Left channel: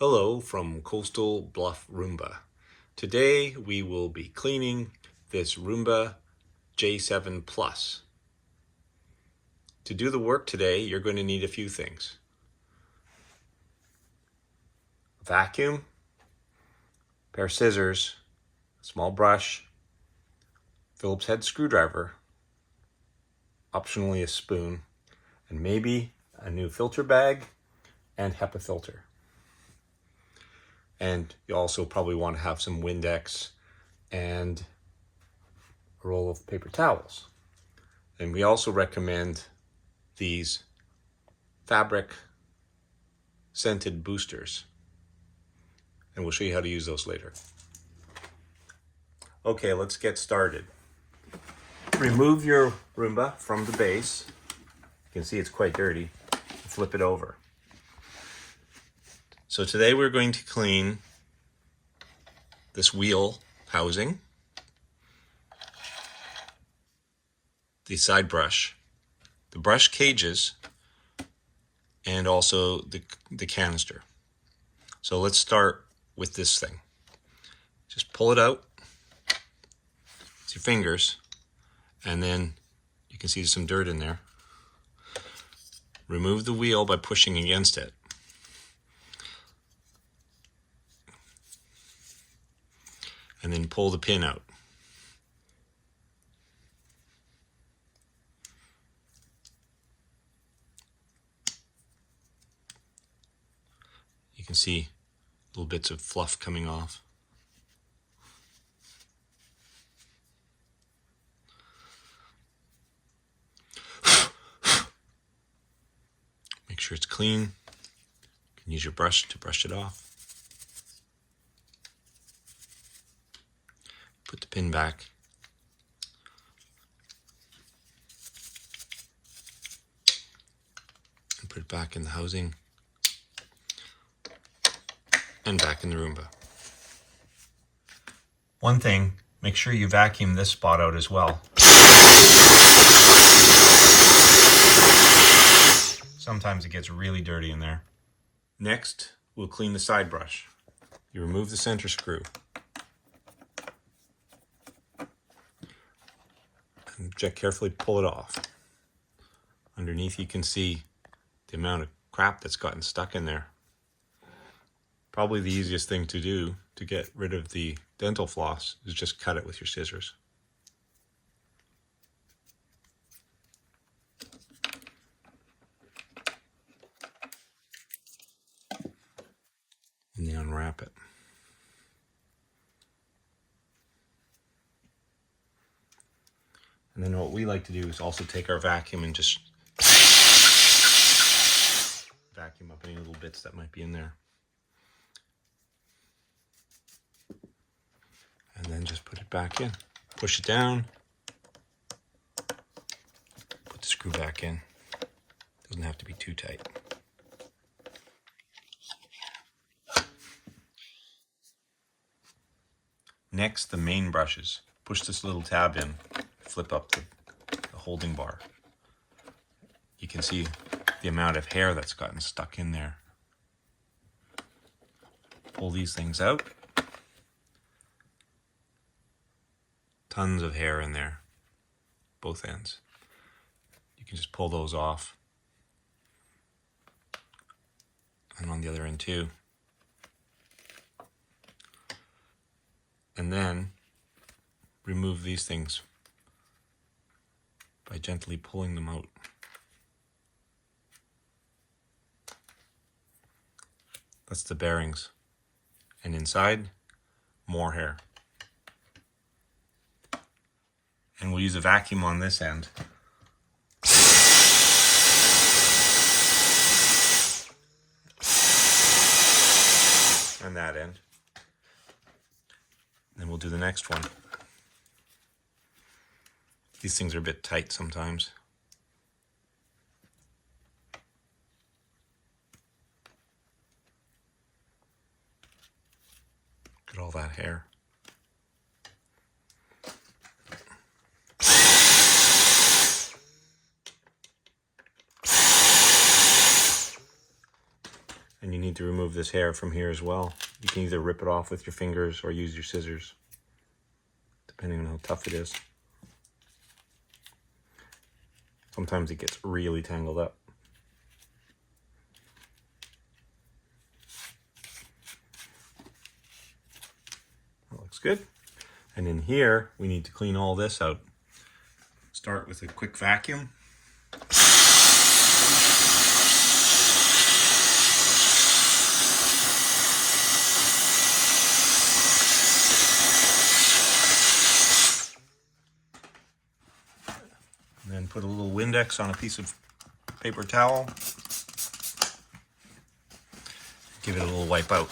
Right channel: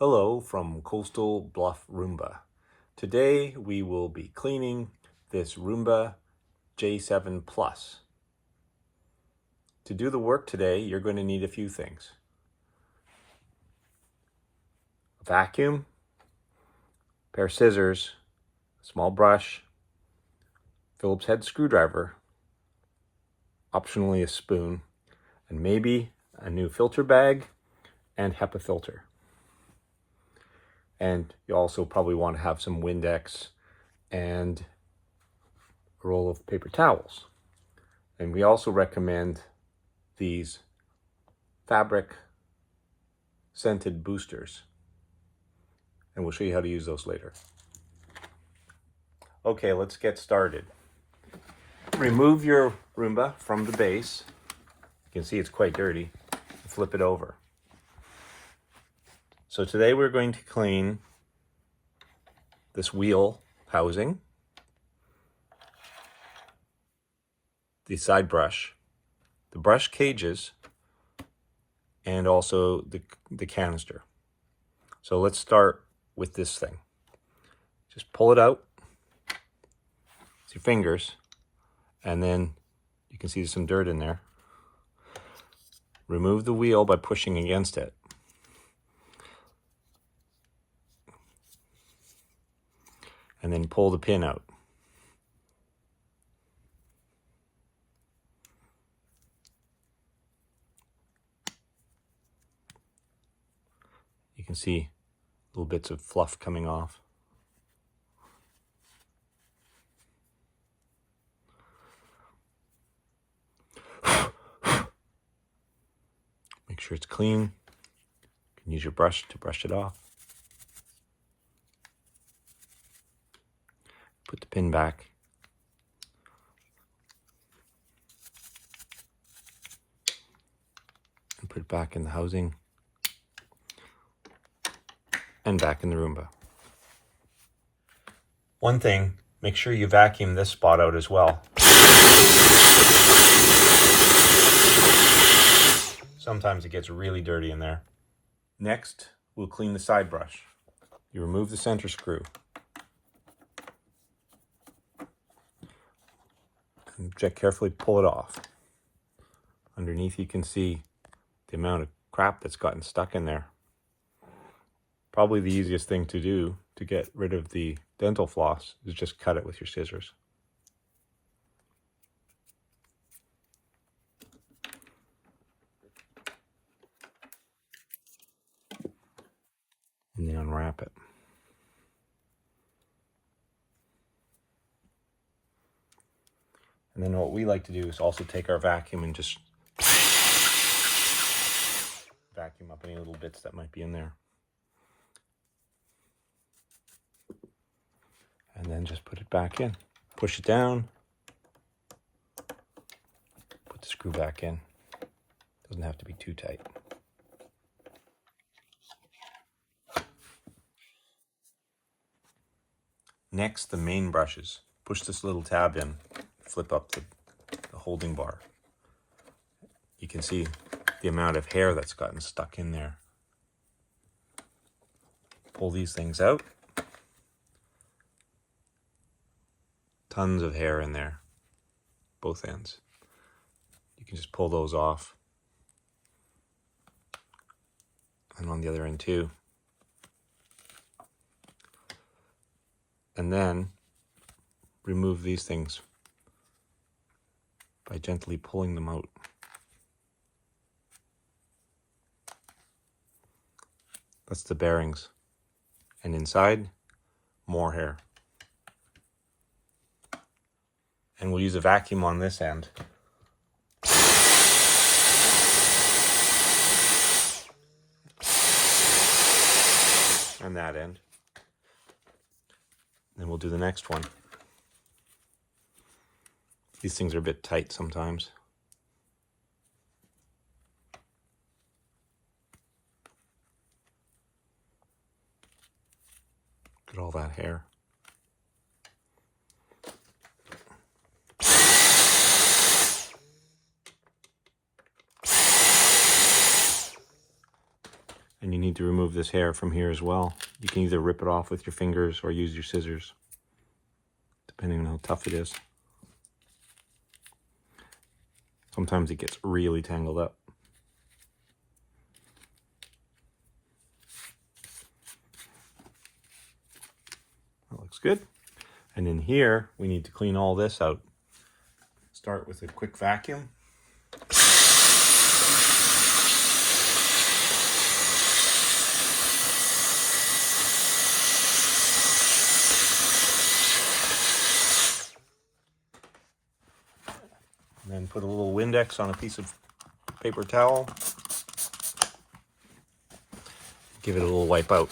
Hello from Coastal Bluff, Roomba. Today we will be cleaning this Roomba J7 Plus. To do the work today, you're going to need a few things. Vacuum, a pair of scissors, a small brush, Phillips head screwdriver, optionally a spoon, and maybe a new filter bag and HEPA filter. And you also probably want to have some Windex and a roll of paper towels. And we also recommend these fabric scented boosters. And we'll show you how to use those later. Okay, let's get started. Remove your Roomba from the base. You can see it's quite dirty. Flip it over. So today we're going to clean this wheel housing, the side brush, the brush cages, and also the canister. So let's start with this thing. Just pull it out with your fingers, and then you can see some dirt in there. Remove the wheel by pushing against it. And then pull the pin out. You can see little bits of fluff coming off. Make sure it's clean. You can use your brush to brush it off. Put the pin back. And put it back in the housing. And back in the Roomba. One thing, make sure you vacuum this spot out as well. Sometimes it gets really dirty in there. Next, we'll clean the side brush. You remove the center screw. And just carefully pull it off. Underneath you can see the amount of crap that's gotten stuck in there. Probably the easiest thing to do to get rid of the dental floss is just cut it with your scissors. And then unwrap it. And then what we like to do is also take our vacuum and just vacuum up any little bits that might be in there. And then just put it back in. Push it down. Put the screw back in. Doesn't have to be too tight. Next, the main brushes. Push this little tab in. Flip up the holding bar. You can see the amount of hair that's gotten stuck in there. Pull these things out. Tons of hair in there, both ends. You can just pull those off. And on the other end too. And then remove these things by gently pulling them out. That's the bearings. And inside, more hair. And we'll use a vacuum on this end. And that end. Then we'll do the next one. These things are a bit tight sometimes. Look at all that hair. And And you need to remove this hair from here as well. You can either rip it off with your fingers or use your scissors, depending on how tough it is. Sometimes it gets really tangled up. That looks good. And in here, we need to clean all this out. Start with a quick vacuum. And then put a little Windex on a piece of paper towel. Give it a little wipe out.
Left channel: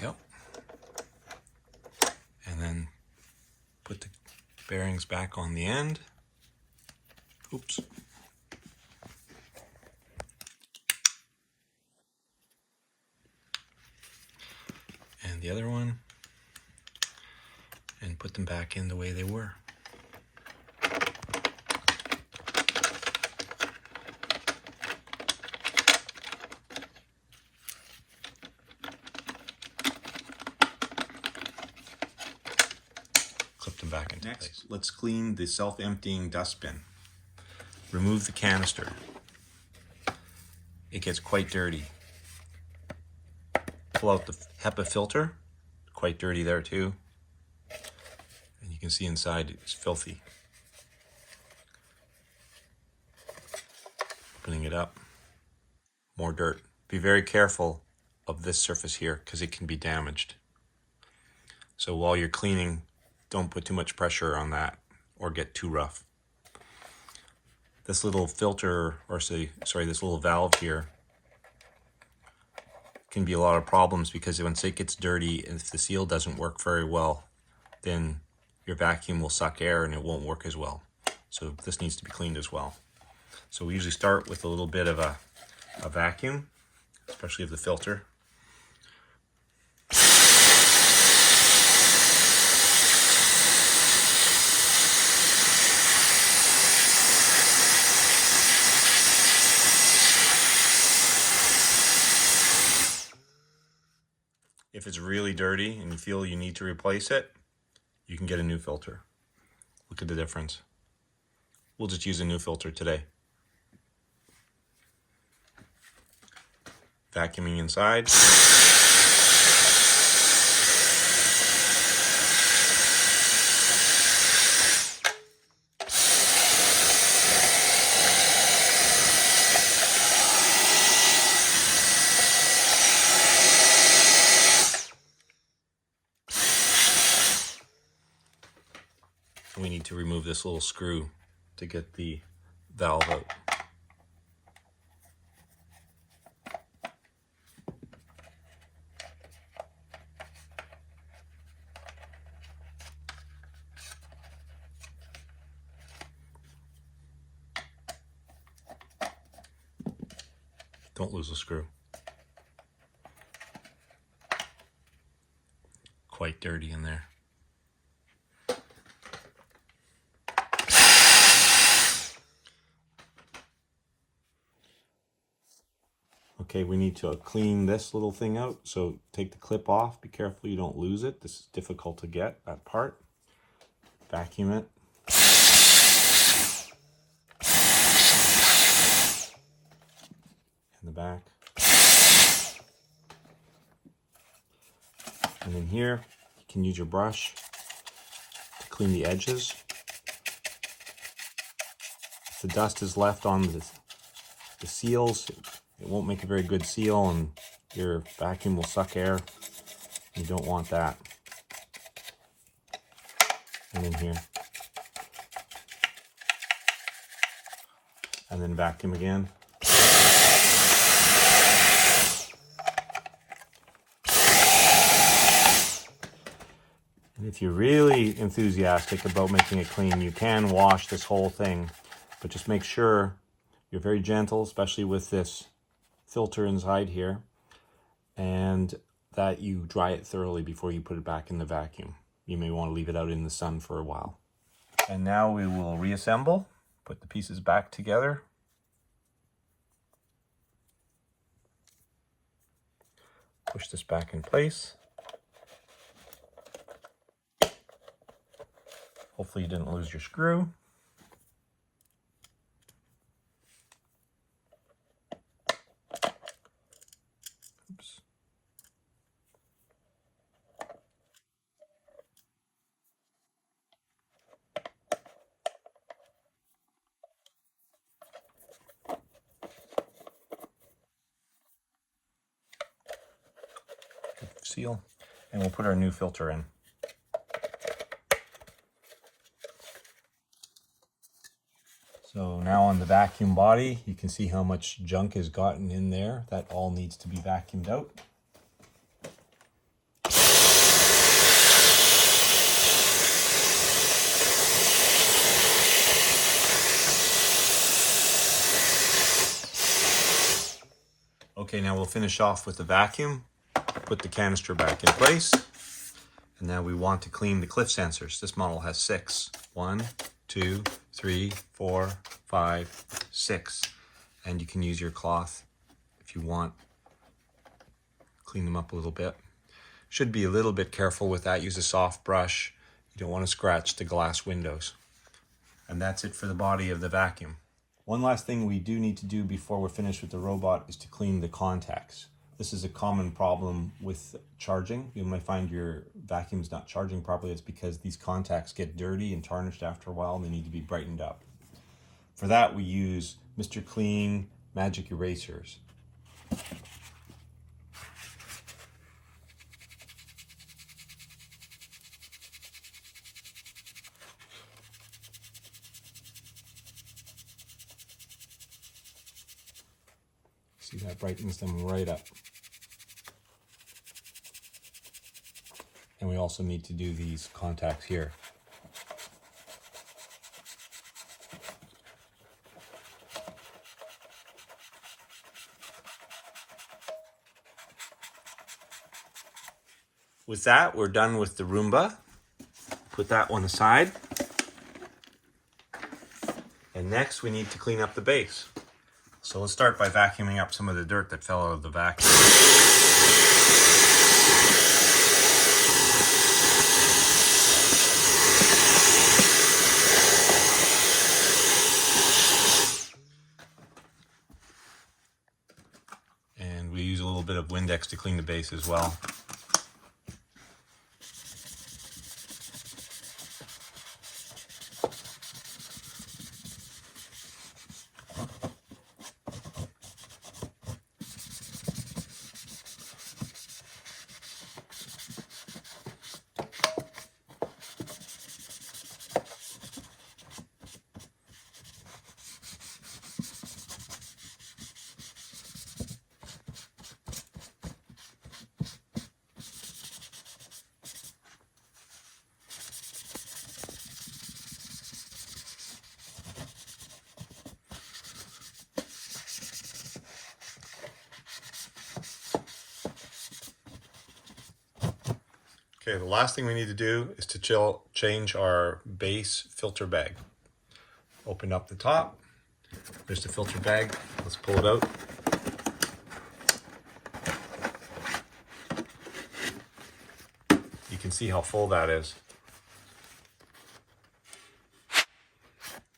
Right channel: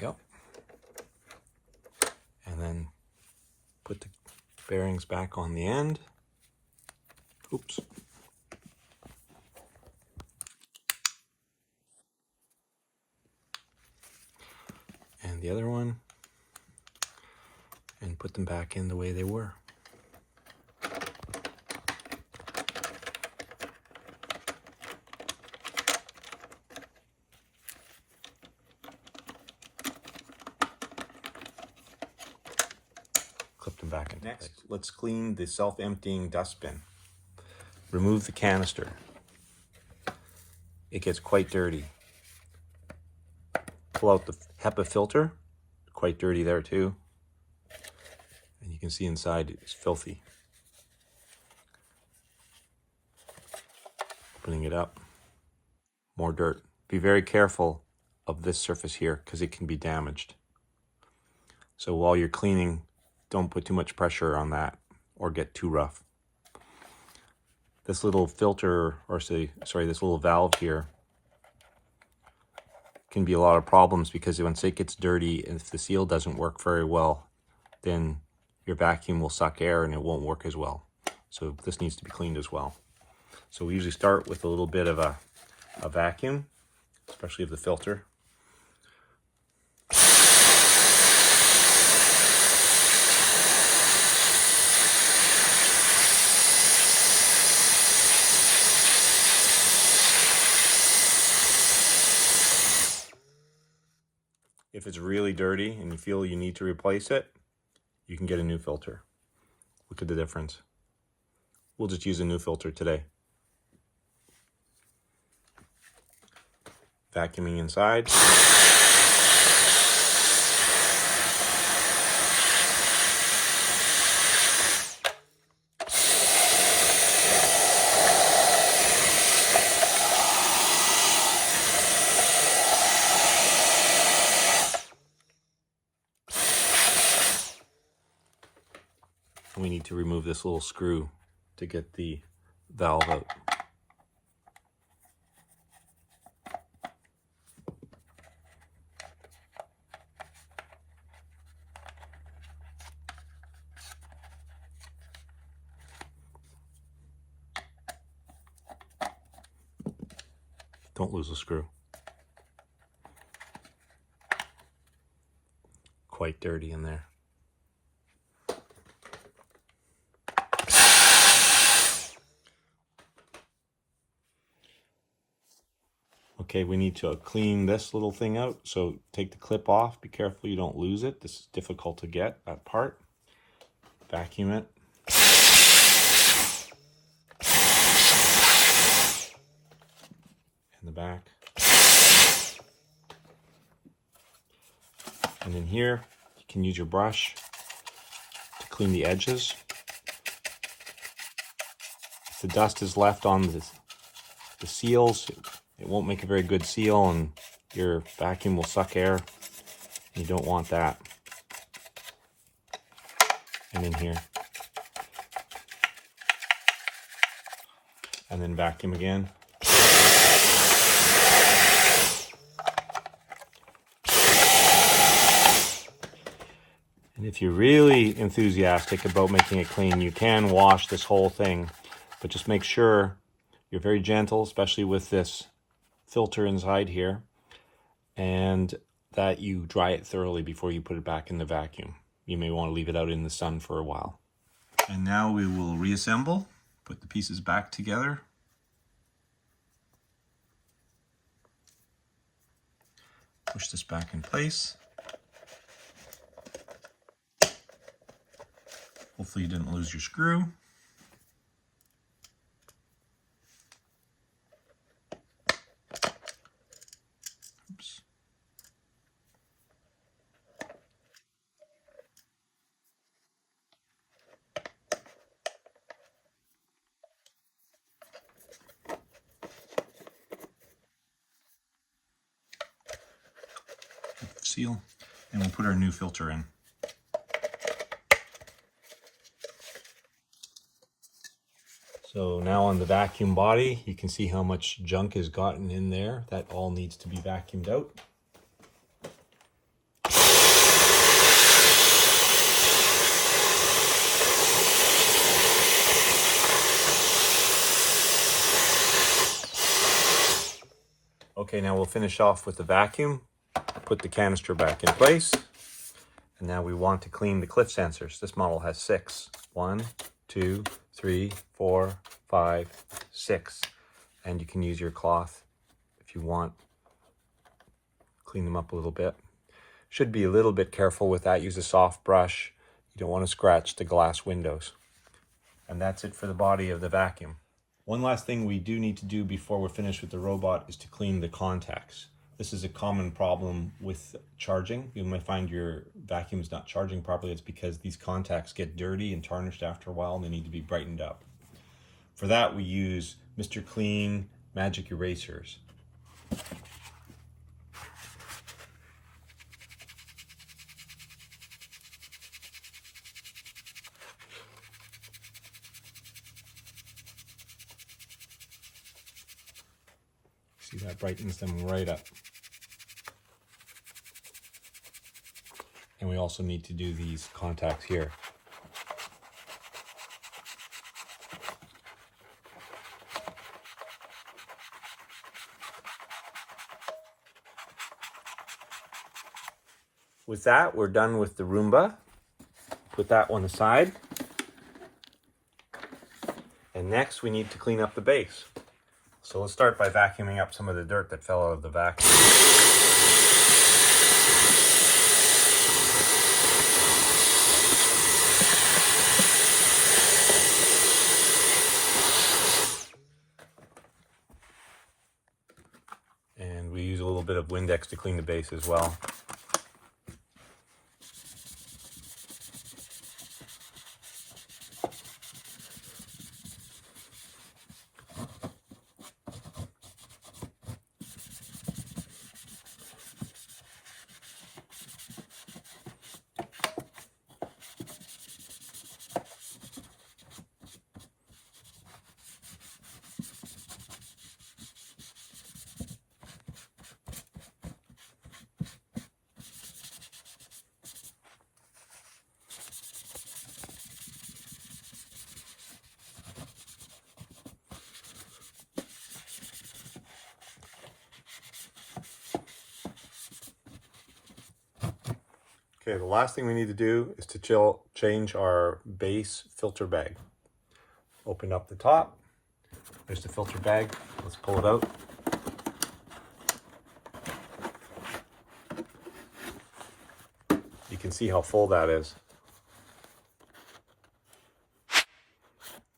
Go. And then put the bearings back on the end. Oops. And the other one. And put them back in the way they were. Clip them back into place. Let's clean the self-emptying dustbin. Remove the canister. It gets quite dirty. Pull out the HEPA filter. Quite dirty there too. And you can see inside it's filthy. Opening it up. More dirt. Be very careful of this surface here because it can be damaged. So while you're cleaning, don't put too much pressure on that or get too rough. This little filter, or this little valve here can be a lot of problems because once it gets dirty and if the seal doesn't work very well, then your vacuum will suck air and it won't work as well. So this needs to be cleaned as well. So we usually start with a little bit of a vacuum, especially of the filter. If it's really dirty and you feel you need to replace it, you can get a new filter. Look at the difference. We'll just use a new filter today. Vacuuming inside. We need to remove this little screw to get the valve out. Don't lose the screw. Quite dirty in there. Okay, we need to clean this little thing out. So take the clip off. Be careful you don't lose it. This is difficult to get, that part. Vacuum it. In the back. And in here, you can use your brush to clean the edges. If the dust is left on the seals, it won't make a very good seal and your vacuum will suck air. You don't want that. And in here. And then vacuum again. And if you're really enthusiastic about making it clean, you can wash this whole thing, but just make sure you're very gentle, especially with this filter inside here, and that you dry it thoroughly before you put it back in the vacuum. You may want to leave it out in the sun for a while. And now we will reassemble, put the pieces back together. Push this back in place. Hopefully you didn't lose your screw. Oops. Seal, and we'll put our new filter in. So now on the vacuum body, you can see how much junk has gotten in there. That all needs to be vacuumed out. Okay, now we'll finish off with the vacuum. Put the canister back in place. And now we want to clean the cliff sensors. This model has 6. 1, 2, 3, 4, 5, 6. And you can use your cloth if you want. Clean them up a little bit. Should be a little bit careful with that. Use a soft brush. You don't want to scratch the glass windows. And that's it for the body of the vacuum. One last thing we do need to do before we're finished with the robot is to clean the contacts. This is a common problem with charging. You might find your vacuum's not charging properly. It's because these contacts get dirty and tarnished after a while and they need to be brightened up. For that, we use Mr. Clean Magic Erasers. See, that brightens them right up. And we also need to do these contacts here. With that, we're done with the Roomba. Put that one aside. And next we need to clean up the base. So let's start by vacuuming up some of the dirt that fell out of the vacuum. And we use a little bit of Windex to clean the base as well. Okay, the last thing we need to do is to change our base filter bag. Open up the top. There's the filter bag. Let's pull it out. You can see how full that is.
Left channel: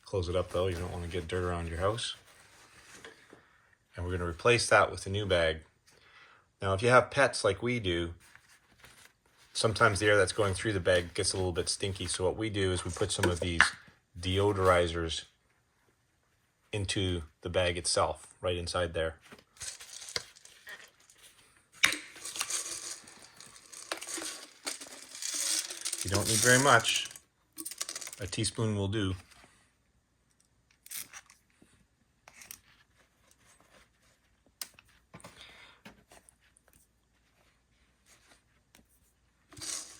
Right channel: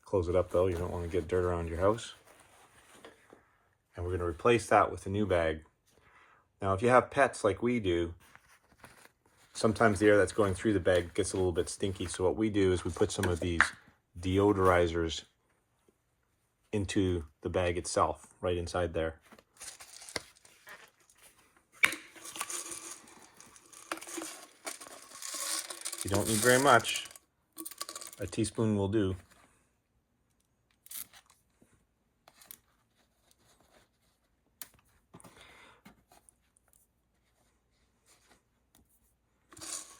Close it up though, you don't want to get dirt around your house. And we're going to replace that with a new bag. Now if you have pets like we do, sometimes the air that's going through the bag gets a little bit stinky. So what we do is we put some of these deodorizers into the bag itself, right inside there. You don't need very much. A teaspoon will do.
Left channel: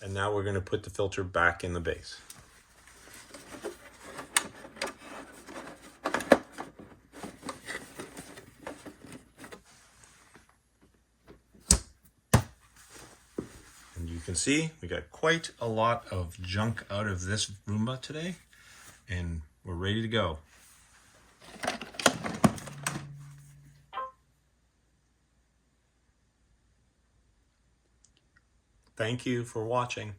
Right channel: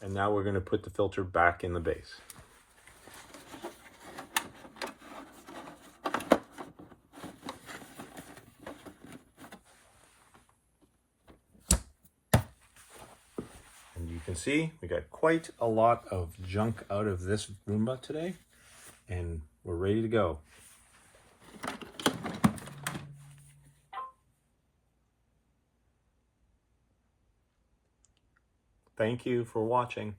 And now we're going to put the filter back in the base. And you can see we got quite a lot of junk out of this Roomba today, and we're ready to go. Thank you for watching.